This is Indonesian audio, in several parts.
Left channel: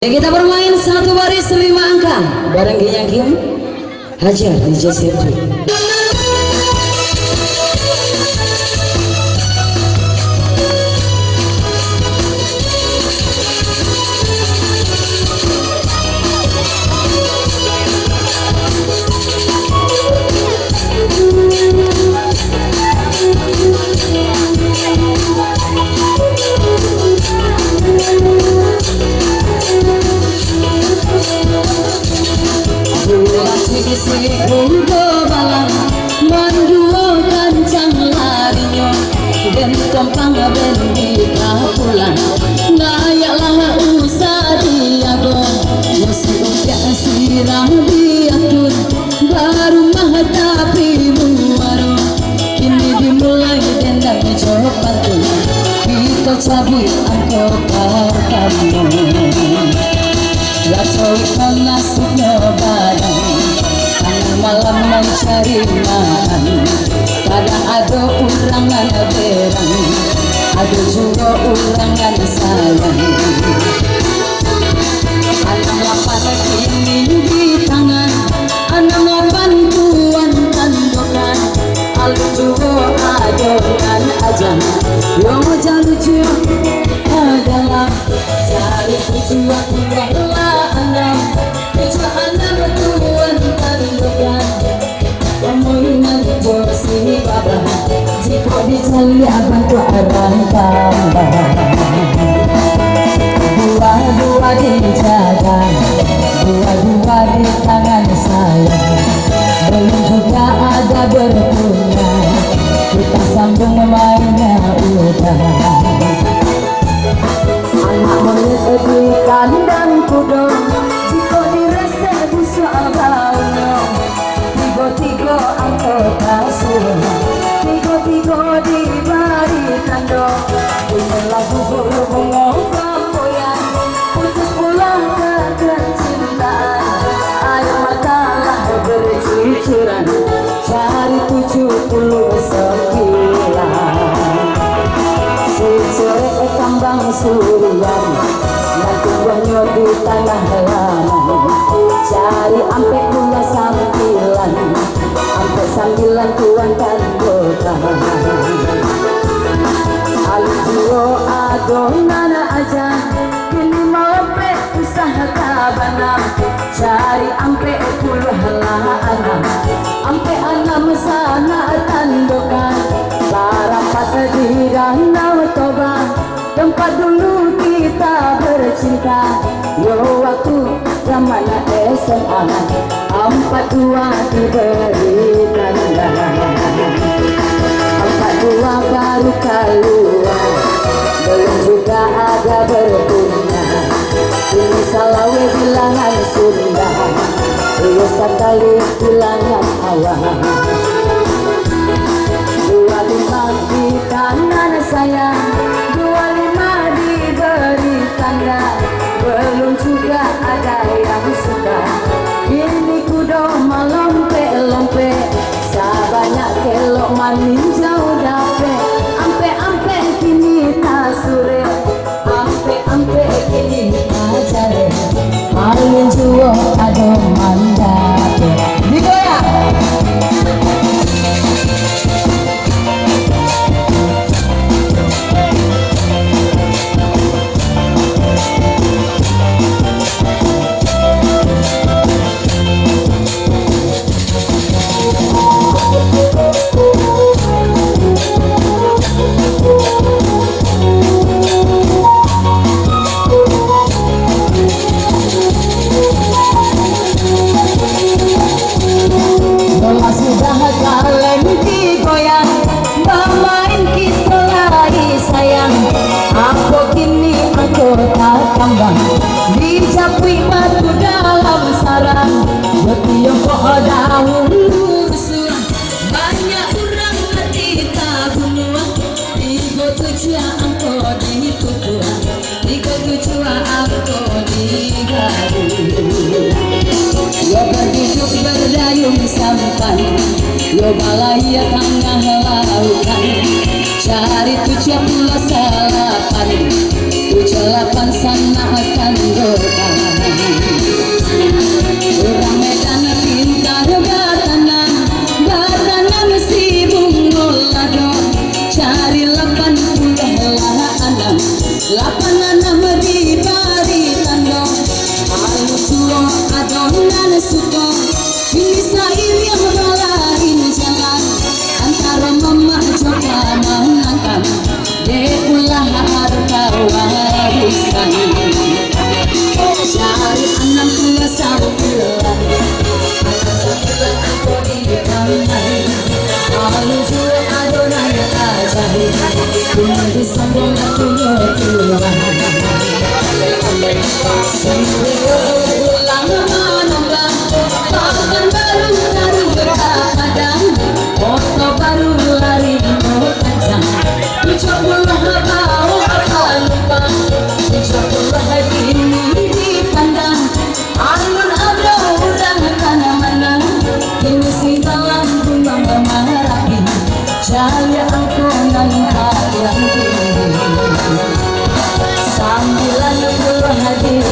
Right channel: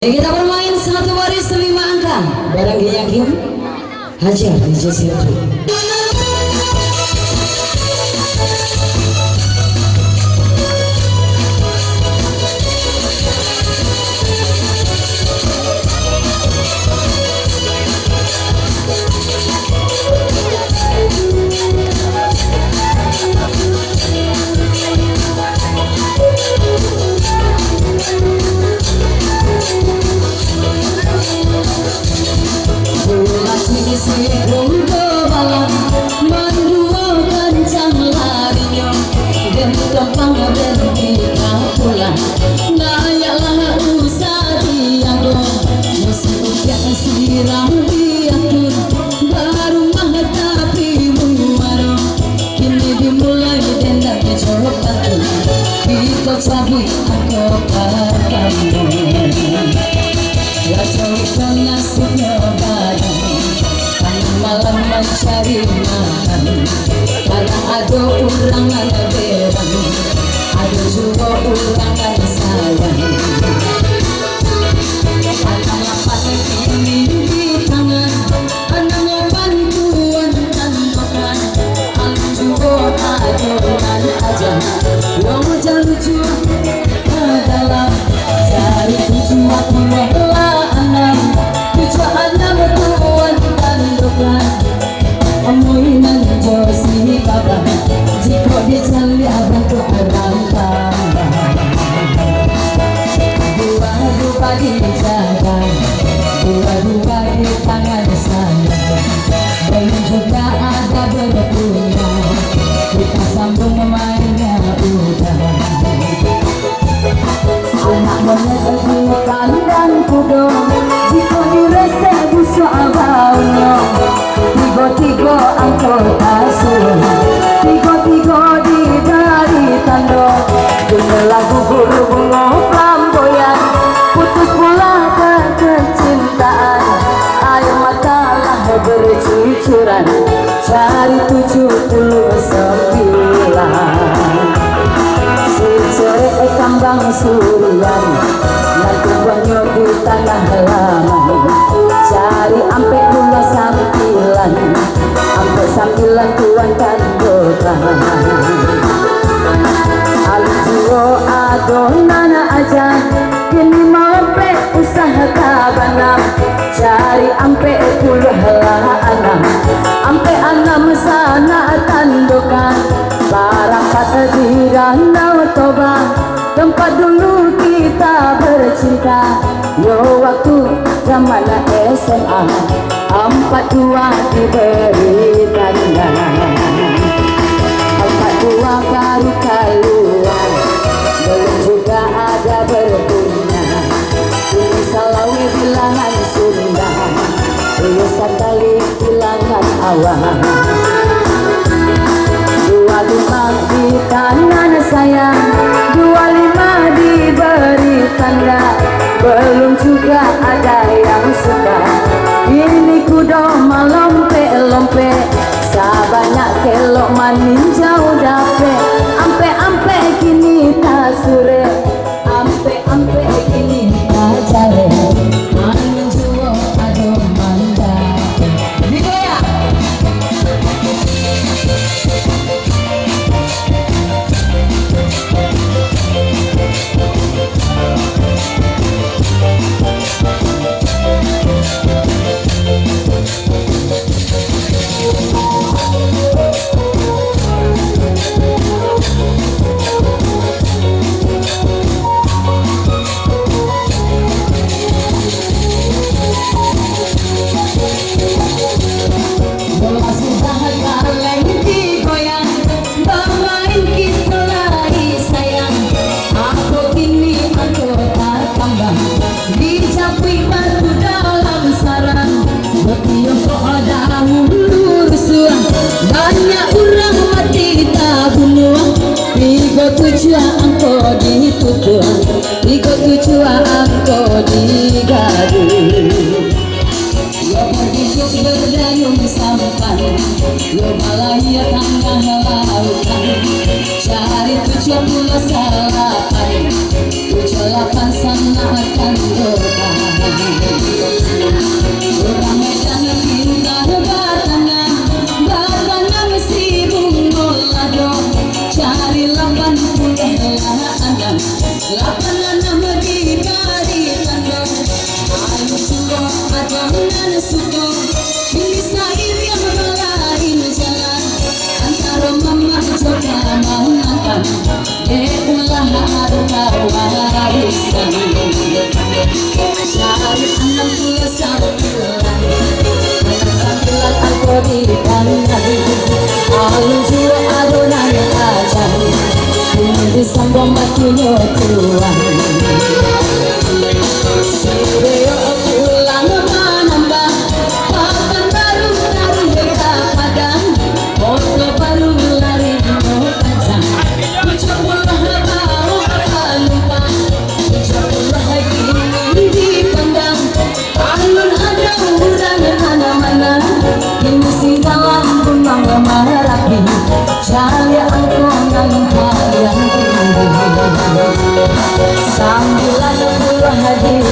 Ya, kita bermain satu baris 5 angka bareng Giyakim Hajar DJ Sergio. Gampang berhenti pulang, layaklah usah diago, masih usia sirah diatur, baru mah tapi muaro, kini dimulai dendam coba tuh, kita cabut aku pertama, walau kau nasibnya badan, karena malam mencari makan. Karena ada urangan berang, ada juga urangan sayang. Anak lapan ini di tangan, anak lapan tuan tandokan. Alun juga adonan aja, yang lucu adalah cari tujuan adalah anak, tujuan anak tuan tandokan. Omongan josi baba, jika dicari abang tu arang tambah. Dua-dua dijaga, dua-dua di tangan saya. Belum juga ada berpunya, kita sambung mainnya udah. Anak monyet di kandang kudo, jika dirasa busuk abangnya. Tigo-tigo anggota suruh, tigo-tigo diberi tanda. Inilah gugur bunga flamboyan, putus pula kecintaan. Air matalah bercucuran, cari 79. Si kambang surian, nanti banyak di tanah halaman. Cari ampe pula sampilan, ampe sampilan tuan tandokan. Aljo adonan aja, kini mau ampe usaha kabanam. Cari ampe puluh anak, ampe anak sana tandokan. Parapat di Danau Toba, tempat dulu kita bercinta. Yo waktu zaman SMA, 42 diberi tanda. 42 baru keluar, belum juga ada berpunya. Ini Salawe bilangan Sunda, ini Satali bilangan awal. 25 di tangan saya, 25 diberi tanda. Belum juga ada yang suka. Ini kudo melompe-lompe, sabanyak kelok manin jauh dape. Ampe-ampe kini tak sure, ampe-ampe kini tak jare. Alun juo ado mandape. Digoyang. Tujuan angko ditutup, tiga tujuan angko digadu. Yo berhidup berdayung sampan, yo balaya tengah lautan. Cari 78, 78 sana akan berkah.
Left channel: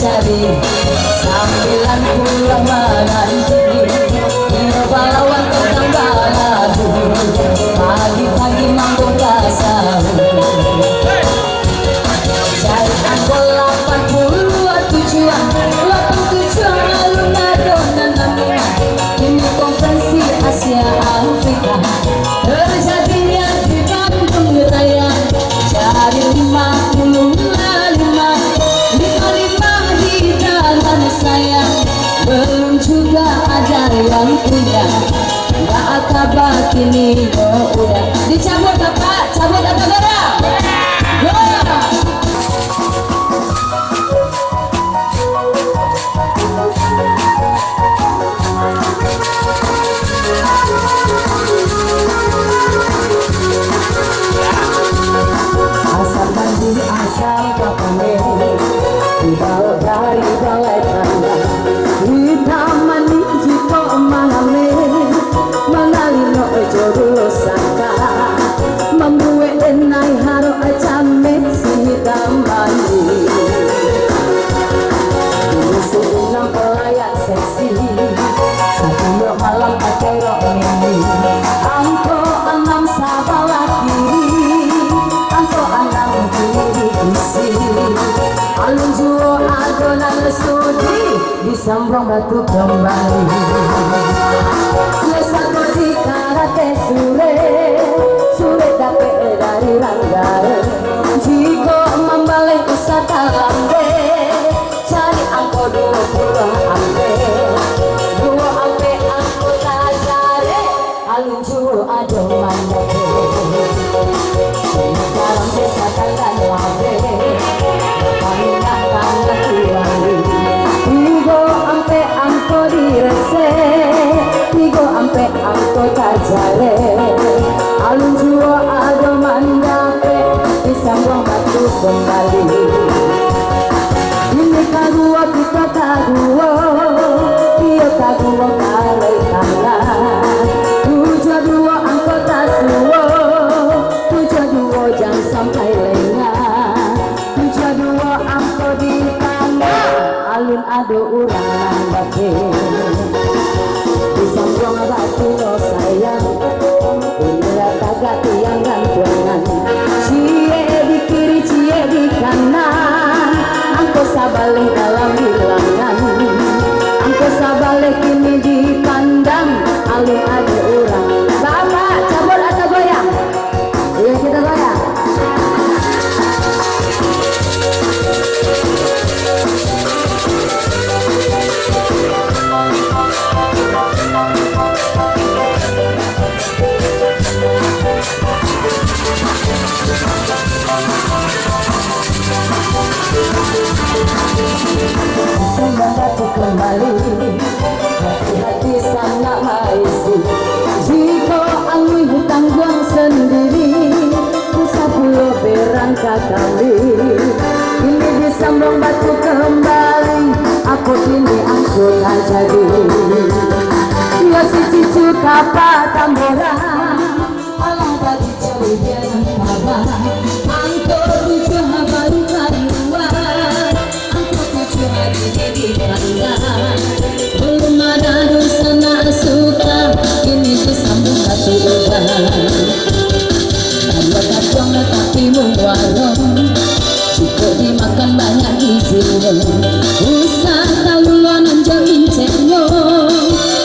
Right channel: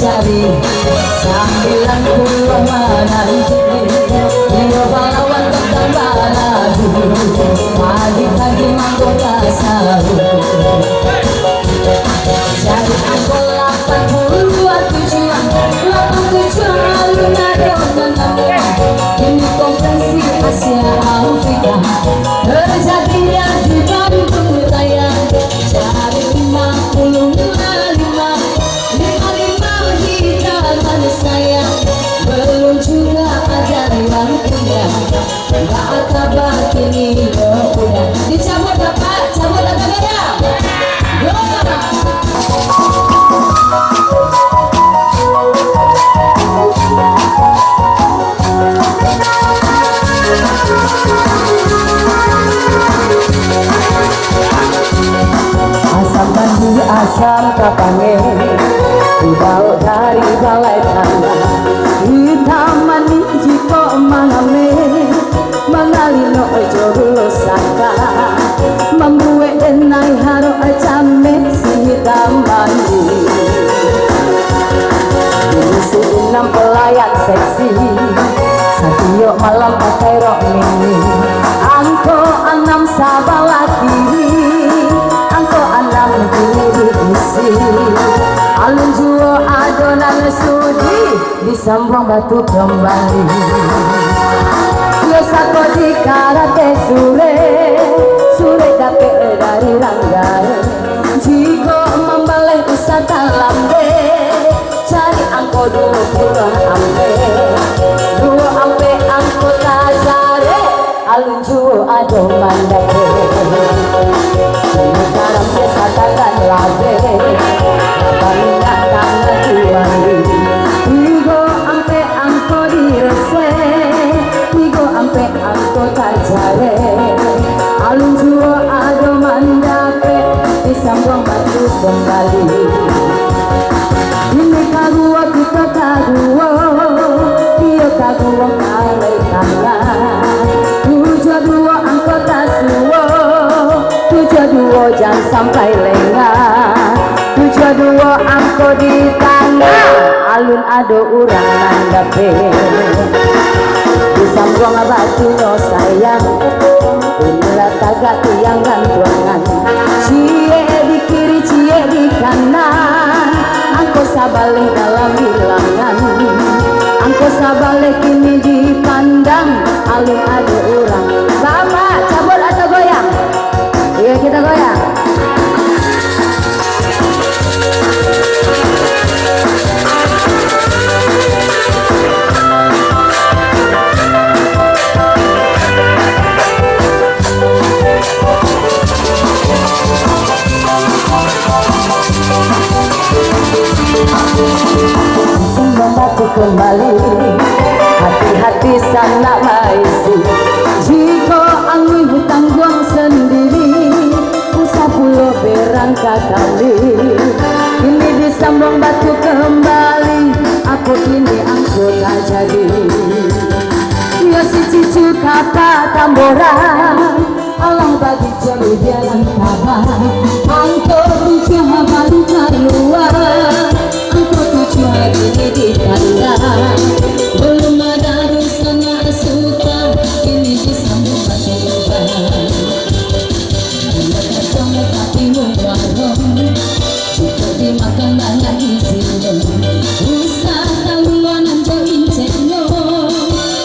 cari 90 menanti dia balawan tentang baladu pagi-pagi manggoda sahur cari angko 80 tujuan 87 alun adonan namun ini konferensi Asia Afrika terjadinya di Bandung Raya cari 55 di tangan saya belum juga ada yang punya nggak akabah kini udah dicabut apa cabut apa barang asal mandi asal kapane dibawa dari balai tanda di taman jiko maname mangalino jodoh saka membuat denai haro acame si tamani diisi 6 pelayan seksi satyo malam katero mini angko 6 sabala kiri angko 6 kiri isi alun juo adonan studi disambung batu kembali yosako di karate sure dape dari rangga jiko membalik wisata lambe cari angko 20 ampe angko tazare alun juo adonan dape sekarang desa tangan labe Tigo ampe angko direse Tigo ampe angko tajare alun juo ado mandape disambung batu kembali ini kagua kita kagua dia kagua kalai tangan 72 angko tasuo 72 jangan sampai lengah 72 angko di tangan alun ado urang nandape disambung batu no sayang inilah tagak tiang gantungan cie di kiri cie di kanan angko sabalik dalam bilangan angko sabalik kini dipandang alun ado urang bapak cabut atau goyang iya kita goyang membantu kembali hati-hati sana maisi jika angin hutang buang sendiri usah pulau berangkat kami ini disambung batu kembali aku ini angkut jadi ya si cicu kapa tamboran Allah bagi jauh jalan kabar angkut tujuh baru keluar ini di tanda belum ada rusana suka ini disambung batu uban buat kacang tapi mengwarong cukup dimakan banyak gizi usah taluan anjo inceknya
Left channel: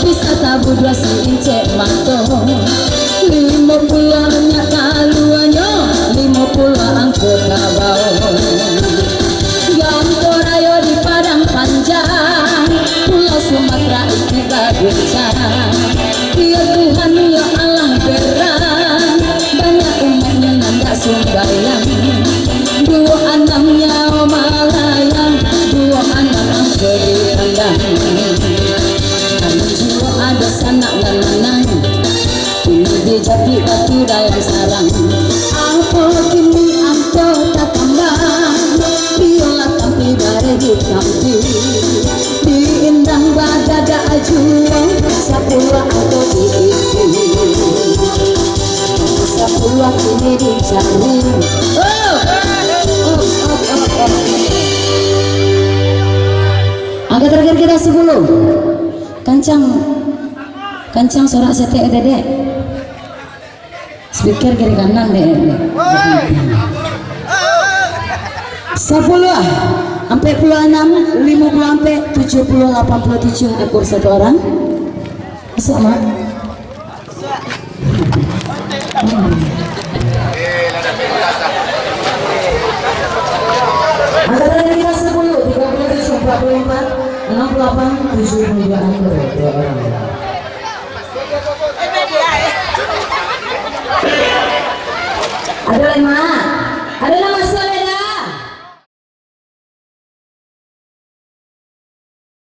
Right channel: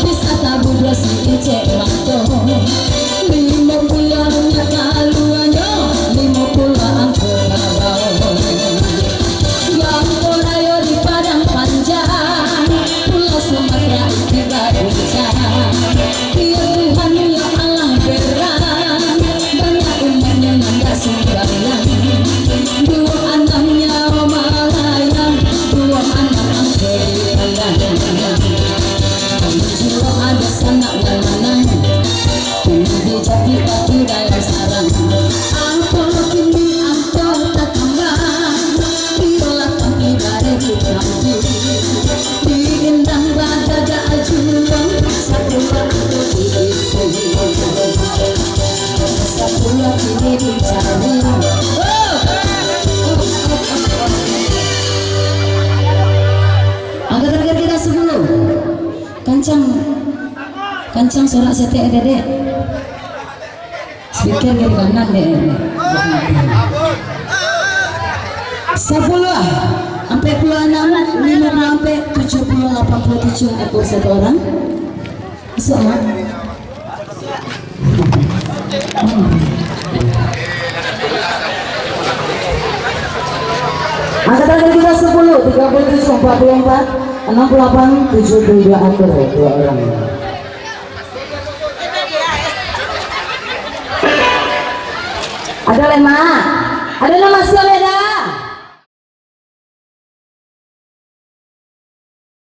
bisa tabu 2 si incek mato 50 nya taluannya 50 Kancang sorak sete dede. Speaker kiri kanan deh. 10 sampai 26, 50 sampai 70, 87 ekor satu orang. Masuk mak. Angkatan kita 10, 37, 44, 68, 72 ekor 2 orang. Ada lema, ada nama suami.